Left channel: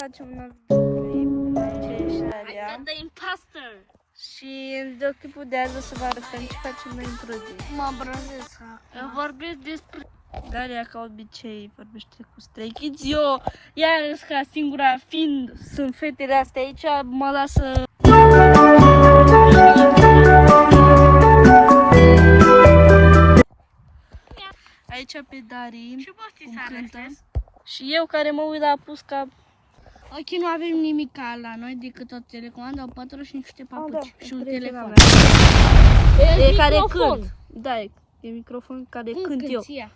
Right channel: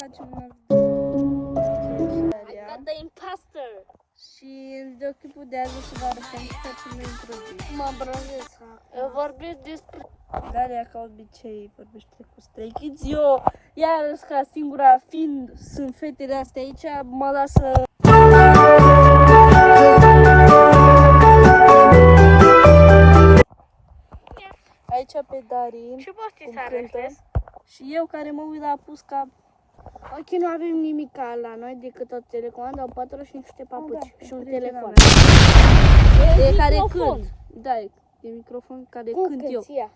facem un I got the imposter. și în videoclipul de azi o să vă arătăm ce facem noi într-o zi. Mă brăzesc. Eu vorbesc despre... Daria, ca obicei, vorbește cu Stray Kids. Eu, iarăși, ca singura fiind, sunt fetele astea aici, mă lasă... Aici pe Dari, Ce poftiți cum să cântă. arătez? Și eu care mă uit la Pusca. Ok, nu avem nimic la noi decât o telecomandă, o patră și niște papuci și un telefon. E care cânt. Da, e microfon care Cum cânt eu. cânti ea?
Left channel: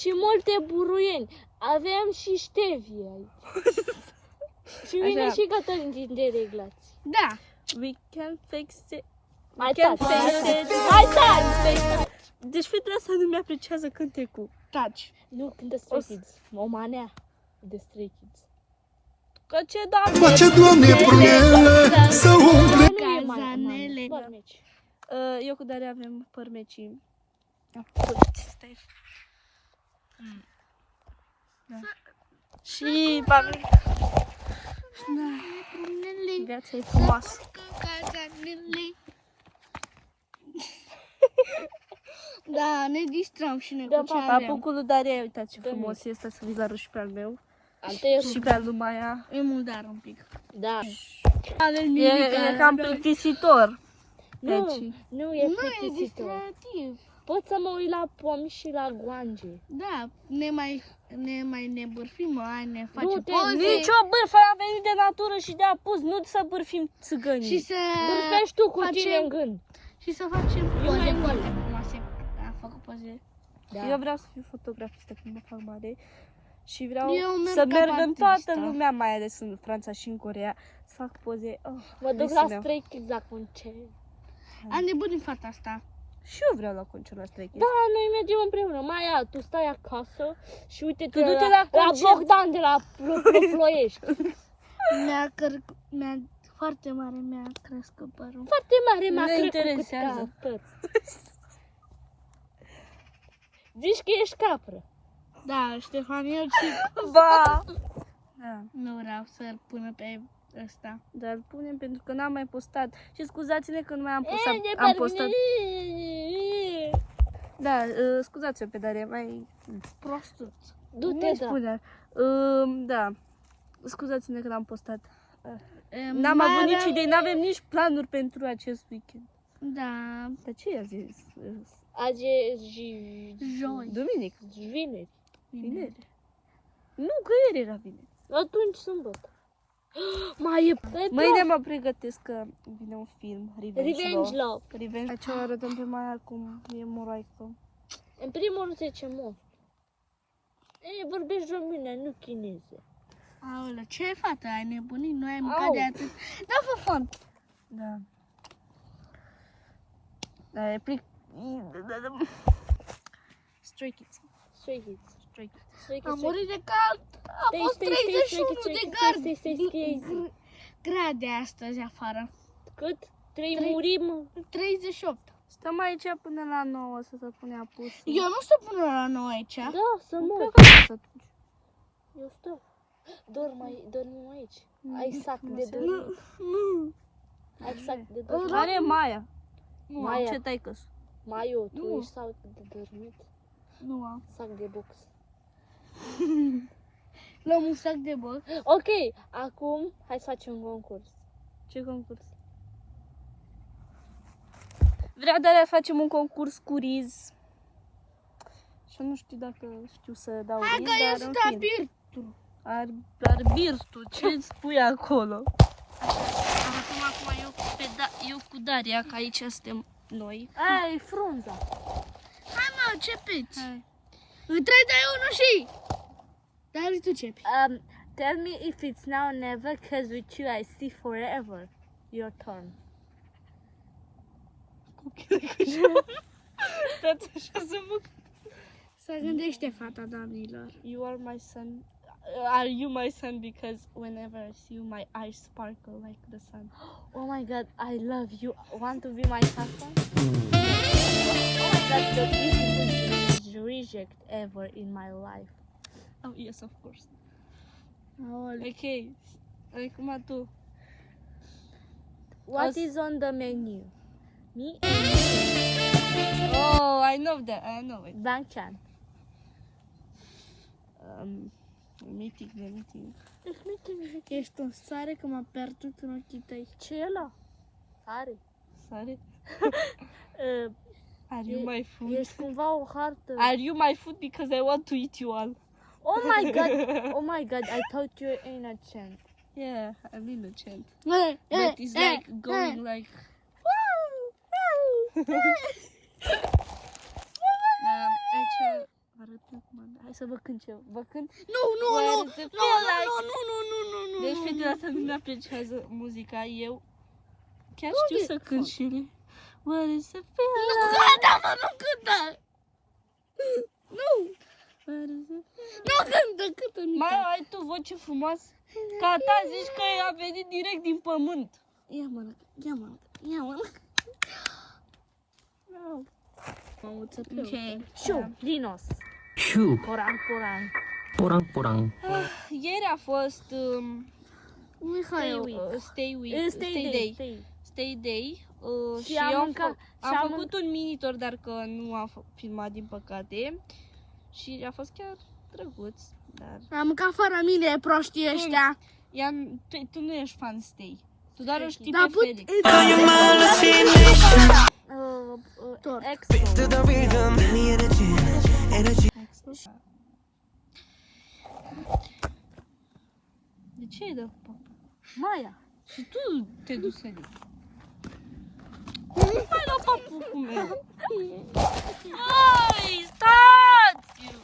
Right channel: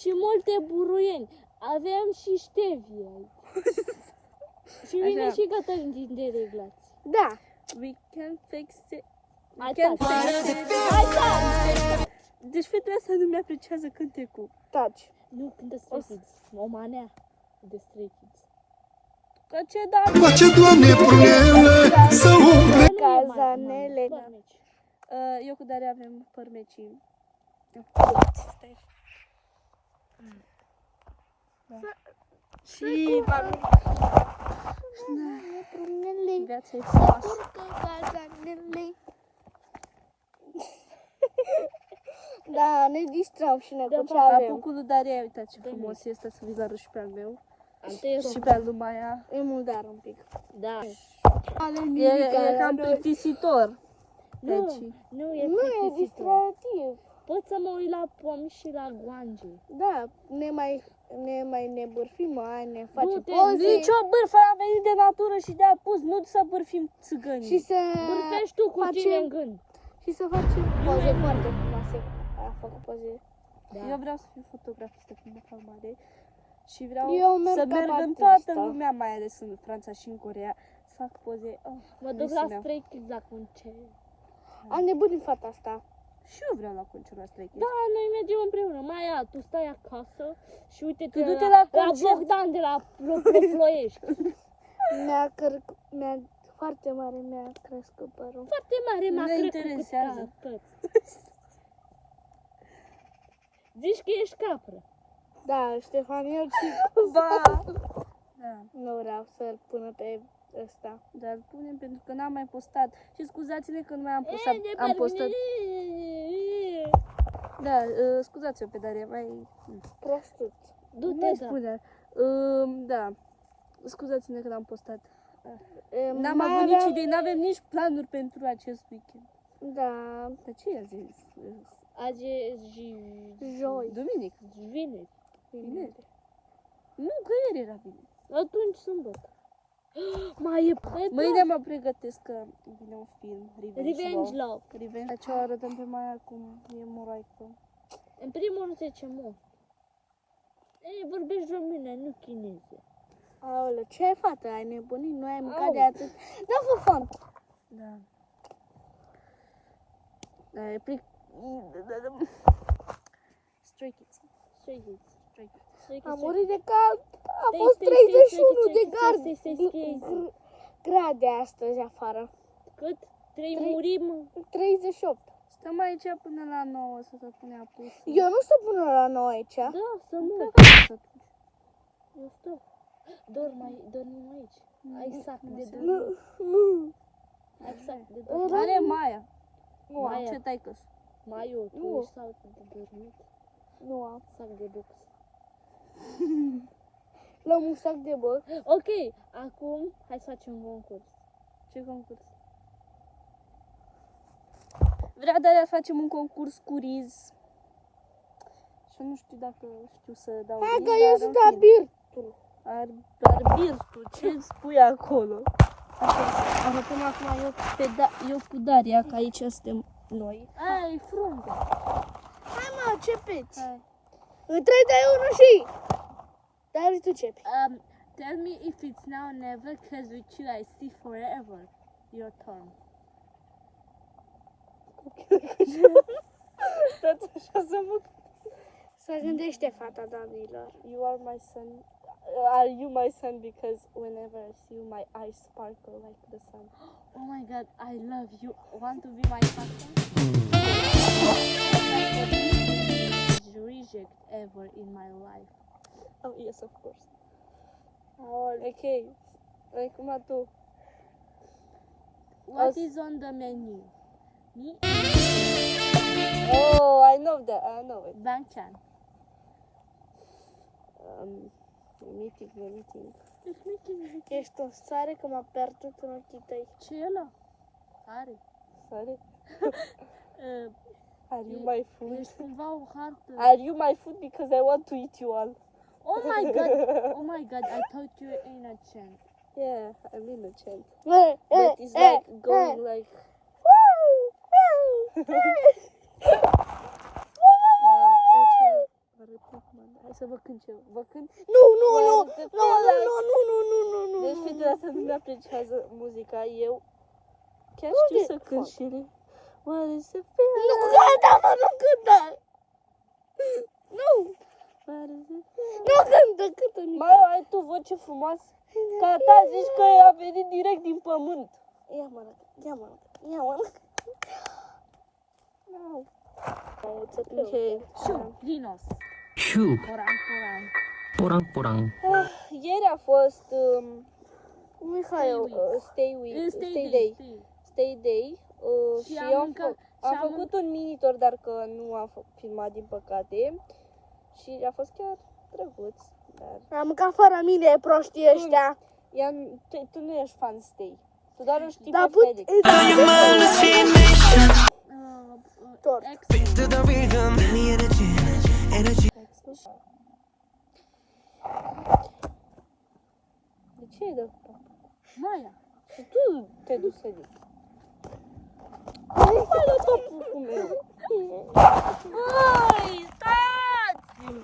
Și multe buruieni. Avem și ștevie aici. Și vine Așa. și Cătălin din dereglați. Da. We can fix it. We Hai, can taci. fix it. Hai, taci. Deci fetele astea nu mi-apreciază cântecul. Taci. Nu, când de Stray Kids. O manea de Stray Kids. Că ce da? Face, Doamne, prunele să umple. Cazanele. Farmeci. Eu cu Daria avem părmecii. Stai. Da. Și viața e frumoasă. Cazanele. Da, ne distrăm și noi cu ce avem. Apucul lui Daria, uitați ce frumos este să vi-l arăt și pe al meu. Și pe al lui Maia. E murdar un pic. Da. Avem E cam plictisitor. Nu, Deci, nu e Nu e plictisitor. distractiv. Pot să mă uit la pomi și la guange. Da, ne mai nebârfim, mai ne face Du-te, poze nicio bârfă, am venit de natură și de apus, nu să bârfim țigănii. și să Bârfești tu cu tine în gând. și să facem poze foarte frumoase. A făcut poze. Da. Eu vreau să fiu fotografistă când mă fac mare și vreau Eu merg să ca merg în artistă. toată lumea, mai ales în Franța și în Coreea, să fac poze. Oh, Mă duc visul la meu. Stray Kids la concert. Am nebunit fata asta. Și eu vreau la concert la Stray Kids. Da, noi mergem împreună. Maia, tu stai acasă și uite-te Tu du-te la concert. Bogdan de la Ploiești. Foarte mare mi-a crescut părul. Foarte mare Nu m-a ne crescut interesează. tot. Zici că ești capră. Da, Ștefan, eu și Ba! Da, nu vreau să-l pună pe ăsta. dar îl punem pentru că n-am mai postat. Și scuzați-ne că nu mai am postat. Am postat. Da, scuzați-o pe Daria, mai... Prostuț. Du-te, Nu da. spune. Da, scuzați-ne că n-am postat. N-am Mai avut avea- nici idei, n-avem nici planuri pentru acest weekend. Da, Dar ce i-a zis? Azi e joi. Duminic. vineri. Vineri. Nu, că ieri era vineri. Atunci sâmbătă. Mai e Mâine mă pregătesc că vine un film, Revenge Revenge Love. Love. Revenge. Ce o arătăm pe Maia cum e moraică. În primul rând zice monstru. Vorbești română, nu chineză. Aoleu, ce ai, fată? Ai nebunit? Nu ai mâncat Au. de atât? Da, fă font. Da. Da, e plic... Stray Kids. Stray Kids. Stray Kids. Stray Kids. Am murit de cald. A Stai, fost stai, 31 stai, de stai, stai, stai, stai, stai. grade astăzi afară. Cât? Trei. Murim? 38. Stăm aici până la 9 să se pune apus. Eu nu stau până la 9 aici. Da, să mor. atunci. Eu stau. Dormim aici. Ai sac de Nu, dormit. Nu. Ai sac de dormit. Are Maia. Nu, Maia. aia. Ce taică-s? Maiu, tu Nu. ești sac de dormit. Nu am. Sac de box. Luăm un sac de băc. Ok, acum hai să facem un concurs. Ce concurs? Vrea Daria să facem un concurs cu riz. Și eu nu știu dacă știu să dau Hai riz, că eu dar sunt în fine. arbitru. Arbirtul, ce îți spui acolo? Arătăm acum eu cu Daria, că aici suntem noi. Ai, frunza. Hai mă, începeți. Hai. În 3 de 1 și... Dar tu începi. Tell me if it's now or never, cause with you I see forever. Your turn. Stați așa să mă... Să gândește fata, doamnilor. You are my son. Are you my son? Because whenever I see you, my eyes sparkle like the sun. Oh my god, I love you. Want to be my husband? That's the biggest reject ever in my life. Oh, yes, of course. Aoleu. Ok. Acum tu. What is on the menu? Me? Oh, I know that. I know it. Bangchan. Let me think. Ești un sare că m-a pierdut în ochii tăi. Ce e ăla? Are. Sorry. Uh, Are you my food? Ești cumva o hartă. Are you my food because I want to eat you all? Oh my god. Oh my god. I thought you were in a chant. Yeah, I'm in a chant. But But it's like going like... Aici vă arăt cum. Hai să vă cânt eu. Vă cânt? Nu. Where does it feel like? Nu. Deci fetele astea nu ne apreciază muzica. Eu chiar știu să cânt și ele. What does it feel like? Nu cântă! Nu! What does it feel like? Nu cântă! Mai ai tu voce frumoasă? Ca ta zici că a venit direct din pământ. Ia mă. Ok. Șu. Dinos. Shoo, Porang. porang. Ieri a fost Mihai, Stay Day și am eu mâncat- am și am făcut un mini tour, dar că nu am filmat din păcate și a fost chiar drăguț, dar am mâncat fără mine prostii ăștia. tu nu ești fan Stay, tu doar o știi Dar pe put- Felix. Tort. Extra. De ce e de papa? Maia. Și tu te duci să zici. Nu mai da papucul meu. Băi, stați!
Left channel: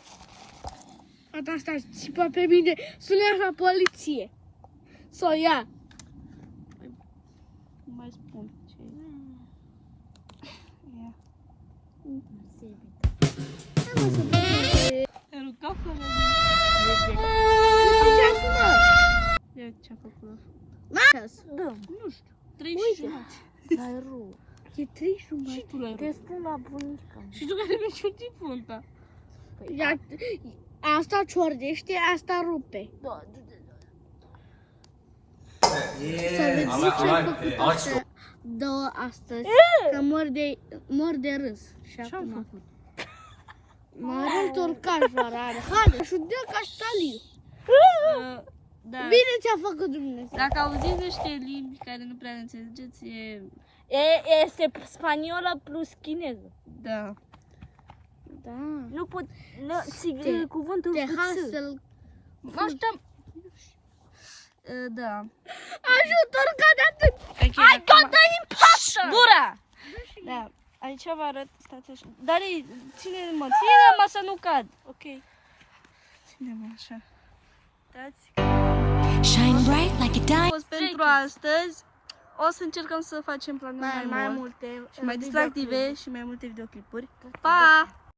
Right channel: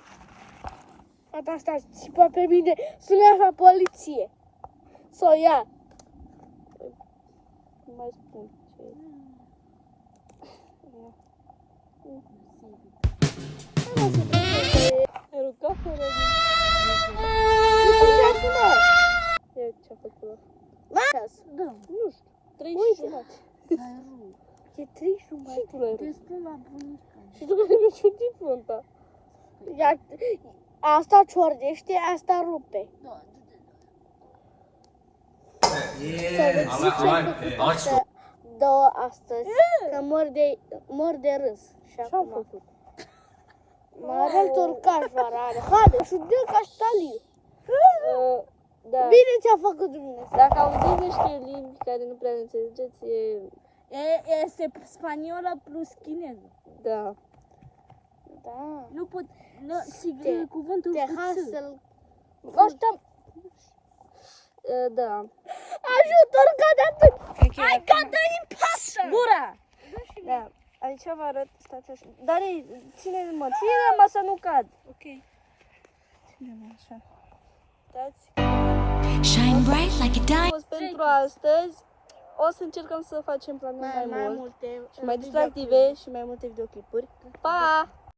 Asta țipa pe mine, sună la poliție. Să o ia. Nu mai spun ce e. Ia. Ai rugat fără Ia ce-a făcut ăla. Da. Nu știu. 3 și jumătate. Dar e rău. E 31. Și tu l-ai Te rugat. spun la bunica. Și tu care mi-ai ciutit frunta. Asta ciordește, asta rupe. Da. Două astăzi, că mor de râs. Și Ce-am acum făcut? mă arăt urcaș varare. Haide, și dă caștaliu. Da. Bine ți-a făcut Dumnezeu. Dacă auziți niște limbi care nu prea le înțelegeți, Este spaniolă plus chineză. da. Da. Nu pot... Te- Cuvântul Te cu ț. hasă-l. Ăștia... Da. Ajutor că de atât. Hai, dă-i pasă! Gura! Da. Aici vă arăt, stați așa. Dar ține-mă să nu cad. Ok. Ține-mă așa. Stați. Shine bright like a A diamond. fost pentru astăzi. O să încercăm să facem planuri mai Mai mult multe. și mai distractive și mai multe videoclipuri. Pa!